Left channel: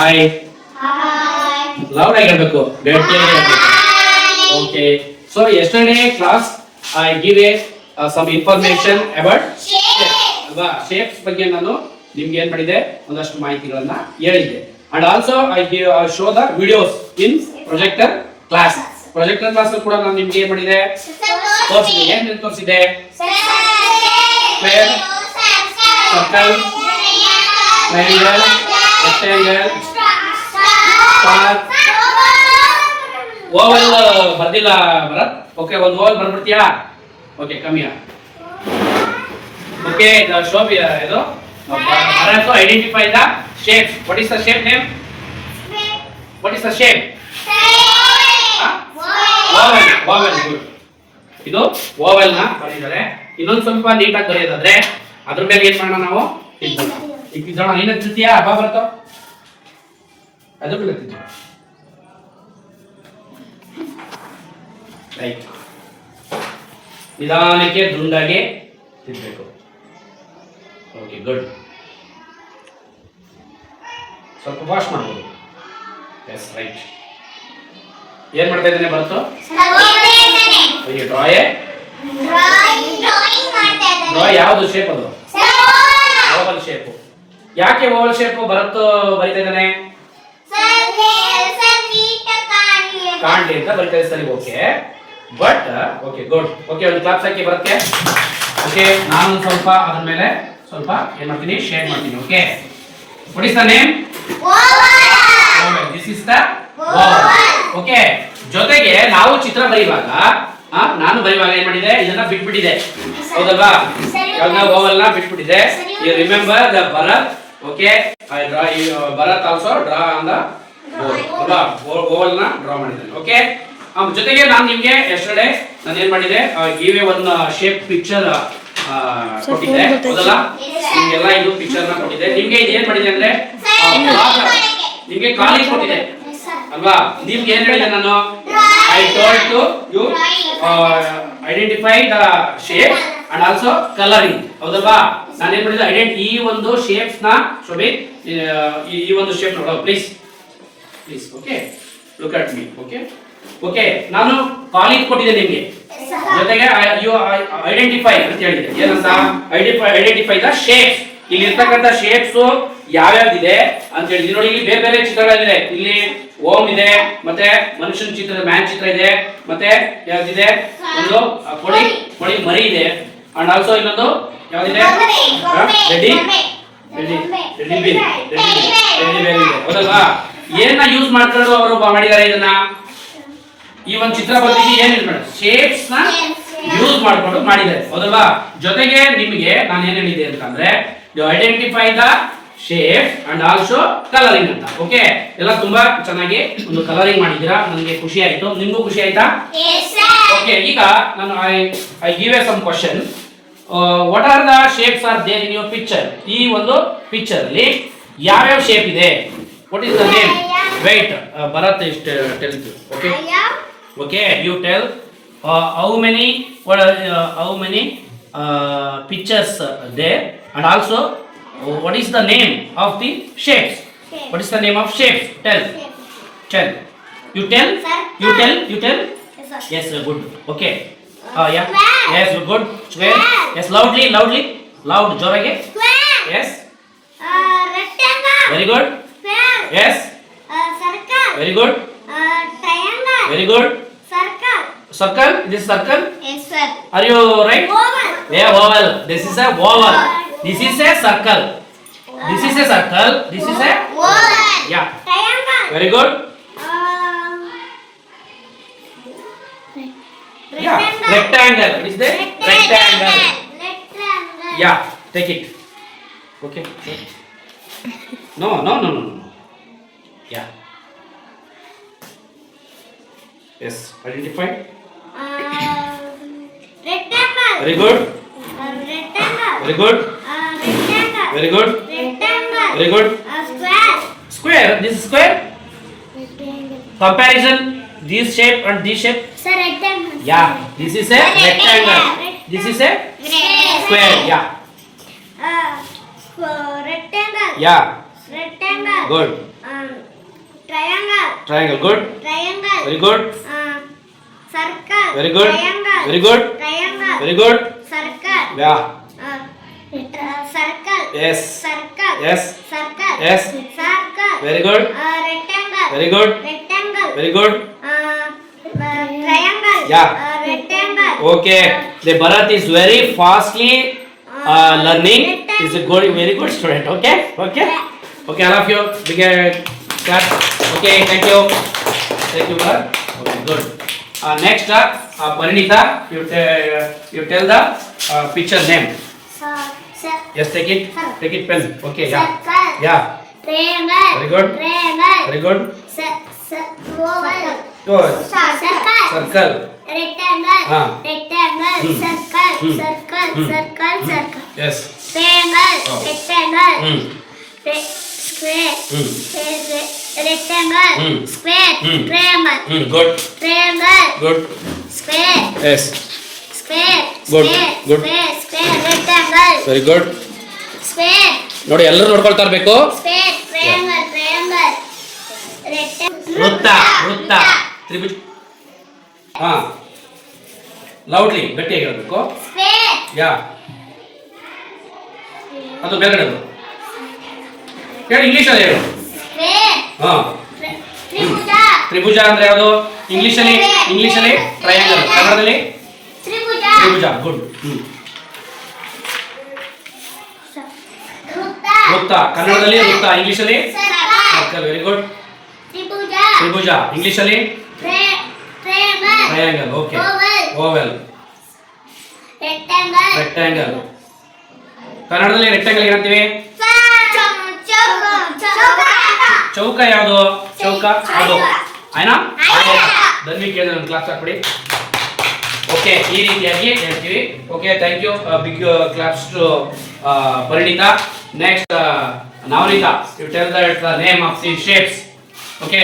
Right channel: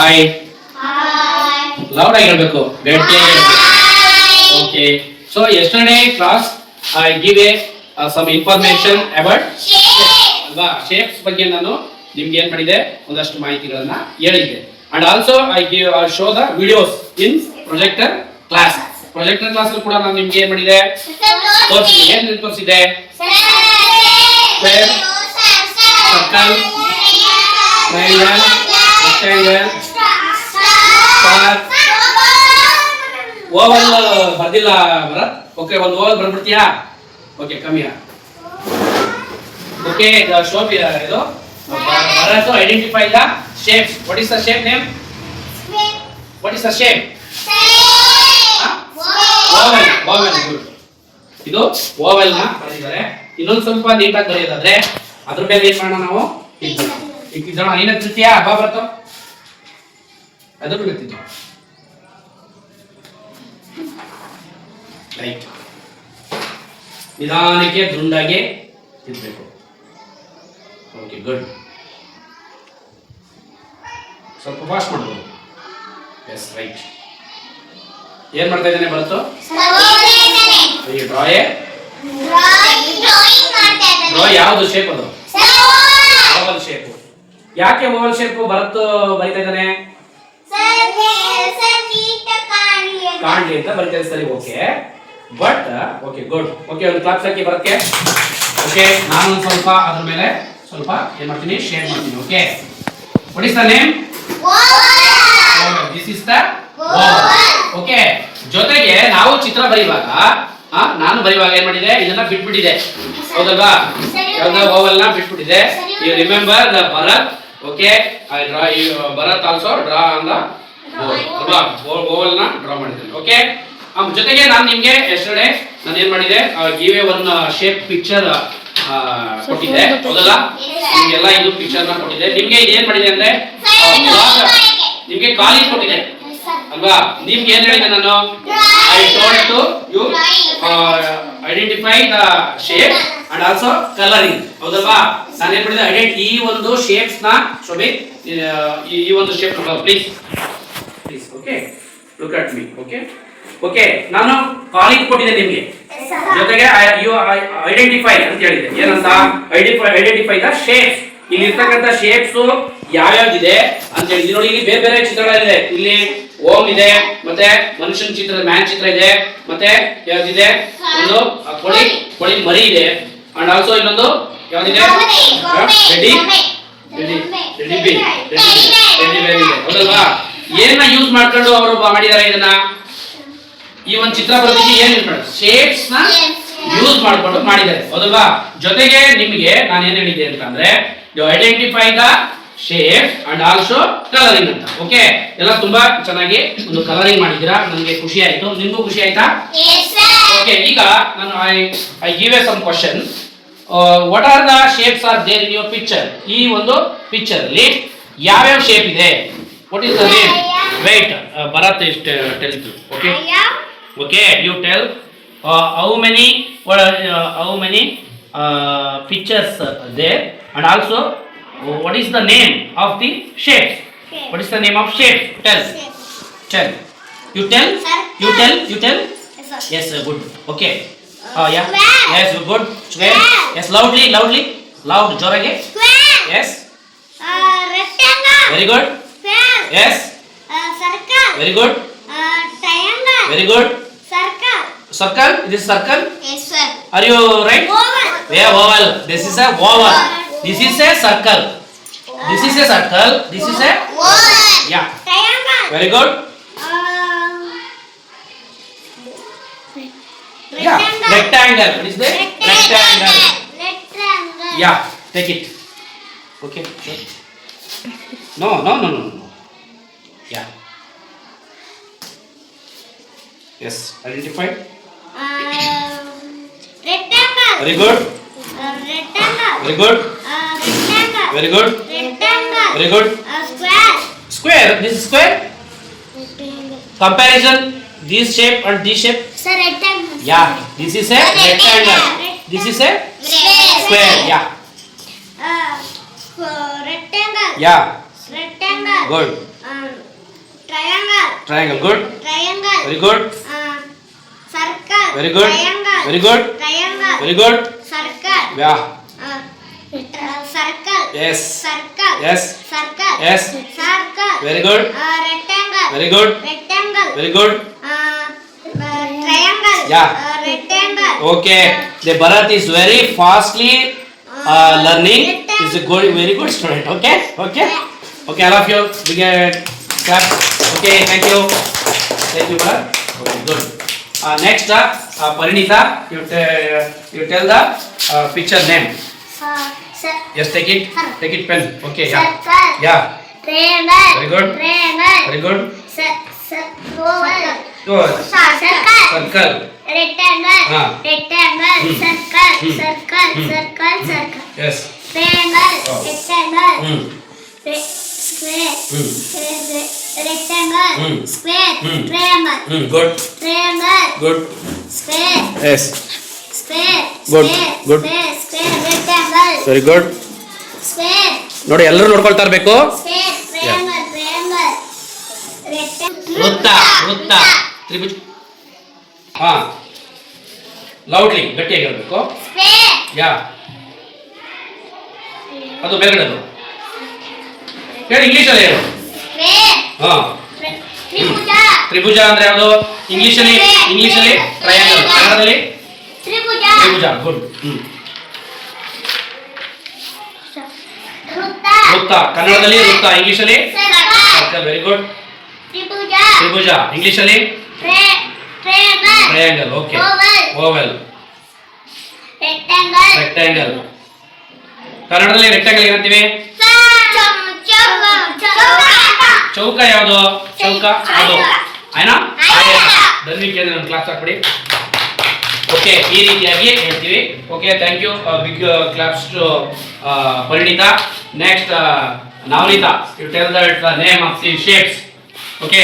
Hi loud ಆಗಿ ಹೇಳ್ಬೇಕು, ಗಟ್ಟಿಯಾಗಿ ಹೇಳ್ಬೇಕು. Okay, so yesterday class I give a some information about ಅಲ್ವಾ, ಶೇಪ್ಸ್ ಬಗ್ಗೆ ನಾನು ನಿಮ್ಗೆ ಏನ್ ಮಾಡಿದೆ, ಒಂದಷ್ಟು ಮಾಹಿತಿಗಳನ್ನ ಹೇಳಿದ್ದೆ. And also I show the videos in projector class. Projector class ಕೂಡ ನಾನು ನಿಮ್ಗೆ ಏನ್ ಮಾಡಿದೆ, ತೋರಿಸಿದೆ. ಏನ್ ತೋರಿಸಿದೆ? Square, circle, triangle, rectangle, star, oval ಬರ್ದಿಲ್ಲ ಭರತ್. ಓಕೆ, ಒಂದು ಓವಲ್ ಬರ್ಬಿಡ್ತೀಯಾ? ಓಕೆ, ಕಮ್ಮಿ. ಓಕೆ, ಶೋ ಇದು Bharat to identify the shapes. What is the shape name? What is the shape? Oval. Oval. Good. ಇದು ಓವಲ್ ನ ಬರೆದಿದ್ದಾರೆ. ಇನ್ನೊಂದು ಸ್ವಲ್ಪ ನೀಟಾಗಿ ಬರೆಯೋದಾದ್ರೆ ಅದ್ರ ಮೇಲೆ ಏನ್ ಮಾಡೋಣ ನಾವು? ಇಕ್ಕಿದೋಣ. ಏನ ತಿಳ್ತೀಯಾ? ಹಬ್ಬ ಬರ್ತಾವ ಅದ್ರ ಮೇಲೆ ತಿಳ್ತೀವಿ. ರೈಟ್. ನಿಧಾನಕ್ಕೆ ದುಂಡಾಗೆ ತಿಳ್ಬೇಕು. Okay, good. ಸ್ವಲ್ಪ ವಾಶ್ ಮಾಡ್ಬೋದು. Yes, right. ಏನ್ ಮಾಡ್ತಾ ಇದ್ದಾನೆ ಬರ್ತು? ಡ್ರಾ ಯಾವ್ದು ಶೇಪ್ ಅದು? Oval shape. ಯಾಕೆ ಓವಲ್ ಶೇಪ್ ಬರುತ್ತೋ ಬರಿತಾ ಇದ್ದಾನೆ? ಕಾಣ್ಲಿ ಅಂತ ಬರಿತಾ ಇದ್ದಾರೆ. ಸರಿ, okay. But okay, good. Okay, ಒಂದು ಕ್ಲಾಪ್ಸ್ ಹಾಕಿ ಬರುತ್ತೆ. ಓಕೆ, ನಾನು ಸ್ವಲ್ಪ ಅದ್ರ ಮೇಲೆ ಸ್ವಲ್ಪ ಏನ್ ಮಾಡ್ತೀನಿ, ಶೇಡ್ ಮಾಡ್ತೀನಿ. Okay, what is the name? Oval. This is the Oval. Okay, ಜೊತೆಗೆ ನಾವು ಚಿತ್ರ ಬರೆಯುವಾಗ ನಾನು ಬರೆಯುವಾಗ ಏನ್ ಮಾಡಿದೆ, ಇದನ್ನ ಬಿಟ್ಬಿಟ್ಟಿದೆ, ಹೌದಲ್ವಾ? ಯಾವ್ದ ಓವಲ್ ನ ಬಿಟ್ಬಿಟ್ಟಿದೆ. You remember the Bharat. Okay, I draw Bharat also draw on the board ಅಲ್ವಾ? ಓವಲ್ ನ ಡ್ರಾ ಮಾಡಿದ್ದೇನೆ. ಓಕೆ, ಜೊತೆಗೆ ನಾನು ನಿಮ್ಗೆ ಎಸ್ಟರ್ಡೇ ನಾನು ಏನ್ ಮಾಡಿದೆ, give a one shape picture ಕೊಟ್ಟಿದ್ದೆ, ಹೌದಲ್ಲ? ನಿಮ್ಗೆಲ್ಲ ಇದು ಪಿಕ್ಚರ್ ನ ಕೊಟ್ಟಿದ್ದೆ. ನಿಮ್ಗೆ ಇದೇನ್ ಮಾಡಿದೆ ಅಂದ್ರೆ ನಿಮ್ಗೆ ಕಾಲಿಂಗ್ ಕೊಟ್ಟಿದೆ ಅಲ್ವಾ? ನಿಮ್ಗೆ ಏನ್ ಹೇಳಿದೆ ನಾನು? I told to you identify the shape and also colouring, ಹೌದಲ್ವಾ? ನಾನು ಏನ್ ಮಾಡಿದೆ, ಈ ಒಂದು ಶೇಪ್ಸ್ ನ ಶೋಭಿ, ಈ ಒಂದು shape please please. Okay, look at me. Okay, okay, ನಾನು ಕಾಲಿಂಗ್ ಕೊಟ್ಟಿದ್ದೆ ನಿಮ್ಗೆ, ಜೊತೆಗೆ ಐಡೆಂಟಿಫೈ ಅಂತ ಹೇಳಿದೆ. ಏನಂತ? Identify the shapes. ಇಲ್ಲಿ ಇರ್ತಕ್ಕಂಥ ಶೇಪ್ಸ್ ಯಾವ್ಯಾವ್ದಿದೆ ಅಂತ ಹೇಳಿದ್ವಿ. ನೋಡಿ, ಇಲ್ಲಿ ಬೇರೆ ಬೇರೆ ಚಿತ್ರಗಳಿದೆ. ಇಲ್ಲಿ ಓಂ ಇದೆ, ಮತ್ತೆ ಮನುಷ್ಯನ ಚಿತ್ರ, ಮ್ಯಾನ್ ಚಿತ್ರ ಇದೆ, ಮತ್ತೆ ಯಾವ್ದಿದೆ, ಒಂದು ಕೊಡಿ ಮರಿ ಇದೆ, ಅಂಡ್ ಆಲ್ಸೋ ಇನ್ನೊಂದು ಯಾವ್ದಿದೆ, ರೆಡಿ ಬೇರ್ ಇದೆ, ಹೌದಲ್ವಾ? ಏನ ಯೂಸ್ ಮಾಡ್ಕೊಂಡು ಅವರು ಮಾಡಿದ್ದಾರೆ ಇದನ್ನ, ಈ ಒಂದು ಚಿತ್ರ ಬರೆದಿದ್ದು ಏನ್ ಶೇಪ್ಸ್ ನ ಯೂಸ್ ಮಾಡ್ಕೊಂಡು ಮಾಡಿದ್ದಾರೆ, ಹೌದಲ್ವಾ? ಜೊತೆಗೆ ನಿಮಗೆ ನಾನು ಏನ್ ಹೇಳಿದ್ದೆ ಅಂತಂದ್ರೆ, you identify the shape and also colouring ಅಂತ. ಓಕೆ, ಎಲ್ಲ ತುಂಬಾ ಚೆನ್ನಾಗಿ ಒಂದು ಕಲರಿಂಗ್ ಮಾಡಿದ್ದೀರಾ, ನನಗೆ ಖುಷಿ ಆಯ್ತು. ನಿಮ್ಗೂ ಖುಷಿ ಆಯ್ತಾ? ಓಕೆ, ಈಗ ನಾನು I give a some question. What are the shapes are there in your picture? ಈ ಒಂದು ಪಿಕ್ಚರ್ ಅಲ್ಲಿ ಯಾವ್ಯಾವ ಶೇಪ್ ಇದೆ? What is the name? Wait, Bharat is tell you. Okay, okay, you tell how many pictures there, and also what is the name of the shapes? What is the name of shapes? Tell. You tell. You tell. Yes, good. Okay. Yeah. Yes, good. Square. Yes, loud, jorage. Square. Yes. Rectangle. Very good. Square. Yes. Circle. Very good. Triangle. Very good. Circle. This is circle. Yes, sir. Are you right? Oval. Yeah, oval. This is a oval. This is a circle. This is a circle. This is a oval. Yeah. Triangle. Very good. Yeah. Rectangle. What is that? Rectangle. Yeah. Take it. Okay. Sure. No. Yeah. Yes. Identified. Rectangle. Very good. Rectangle. Very good. Rectangle. Very good. Rectangle. Very good. Square. Square. This is square. Rectangle. Comparison. This shape and this shape. Sir, rectangle. Yeah. This is a rectangle. This is a square. Yeah. Rectangle. Yeah. Rectangle. Good. Triangle. Good. Triangle. Very good. Circle. Very good. Triangle. Very good. Triangle. Very good. Circle. Yeah. Circle. Yes. Circle. Yes. Circle. Yes. Circle. Very good. Rectangle. Very good. Rectangle. Very good. Triangle. Yeah. Rectangle. Okay. The Bharat is very fastly learning. Is a good, very good student. Okay. Okay. Okay. All of you. Big clap. Okay. Thank you. Thank you, Bharat. Okay. Good. Next, Parinita. You tell the picture name. Yes. Take it. Take it pen. Okay. Yeah. Circle. Yeah. Triangle. Very good. Triangle. Very good. Oval. Good. Circle. Circle. Rectangle. Rectangle. Hmm. Circle. Hmm. Circle. Hmm. Circle. Circle. Yes. Triangle. Oh. Rectangle. Hmm. Square. Hmm. Rectangle. Hmm. Square. Hmm. Triangle. Hmm. Good. Triangle. Good. Square. Yes. Square. Good. Square. Good. Square. Square. Rectangle. Very good. Square. ನೋಡಿ ಎಲ್ಲರೂ ನೋಡ್ಕೊಳ್ತಾ ಇರಬೇಕು. Square. Triangle. Triangle. ವೃತ್ತ ವೃತ್ತ ತ್ರಿಭುಜ. ಹಾ loudly ಗಟ್ಟಿಯಾಗಿ ಹೇಳ್ಬೇಕು. Square. ಯಾ ಅದು ಮೇಲ್ಗಡೆ ಅದು ಹೇಳಿ ಇಂಗ್ಲಿಷಲ್ಲಿ ಹೇಳು. Square. ಹಾ ತ್ರಿಭುಜ. ತ್ರಿಭುಜ ಅಂದ್ರೆ ಯಾವುದು? ಇಂಗ್ಲಿಷಲ್ಲಿ ಟ್ರಯಾಂಗಲ್, ಕನ್ನಡದಲ್ಲಿ ತ್ರಿಭುಜ. ತ್ರಿಭುಜ. ಗುಡ್. ವೃತ್ತ. ವೃತ್ತ ಕನ್ನಡದಲ್ಲಿ ವೃತ್ತ, ಇಂಗ್ಲಿಷಲ್ಲಿ ಸರ್ಕಲ್. ಸರ್ಕಲ್. Very good. ತ್ರಿಭುಜ. ತ್ರಿಭುಜ ಇಂಗ್ಲಿಷಲ್ಲಿ triangle. Triangle. Okay. Oval. Oval. Rectangle. Rectangle ಕನ್ನಡದಲ್ಲಿ ರೆಕ್ಟಾಂಗಲ್ ಏನಂತೀವಿ? ಚೌಕ. ಯಾವುದು? ಚೌಕ ಅದು ಆಯ್ನಾ? ಧನ್ವಿ ಕೇಳಿದ್ರೆ ಒಂದು ಕ್ಲಾಸ್ ಹಾಕ್ಬಿಡಿ. ಓಕೆ, ಈ ರೀತಿಯಾಗಿ ಹೇಳ್ತೀವಿ. Okay, thank you. Big claps to Parinita. Next Navaneeta, you tell the name of the shapes. Okay.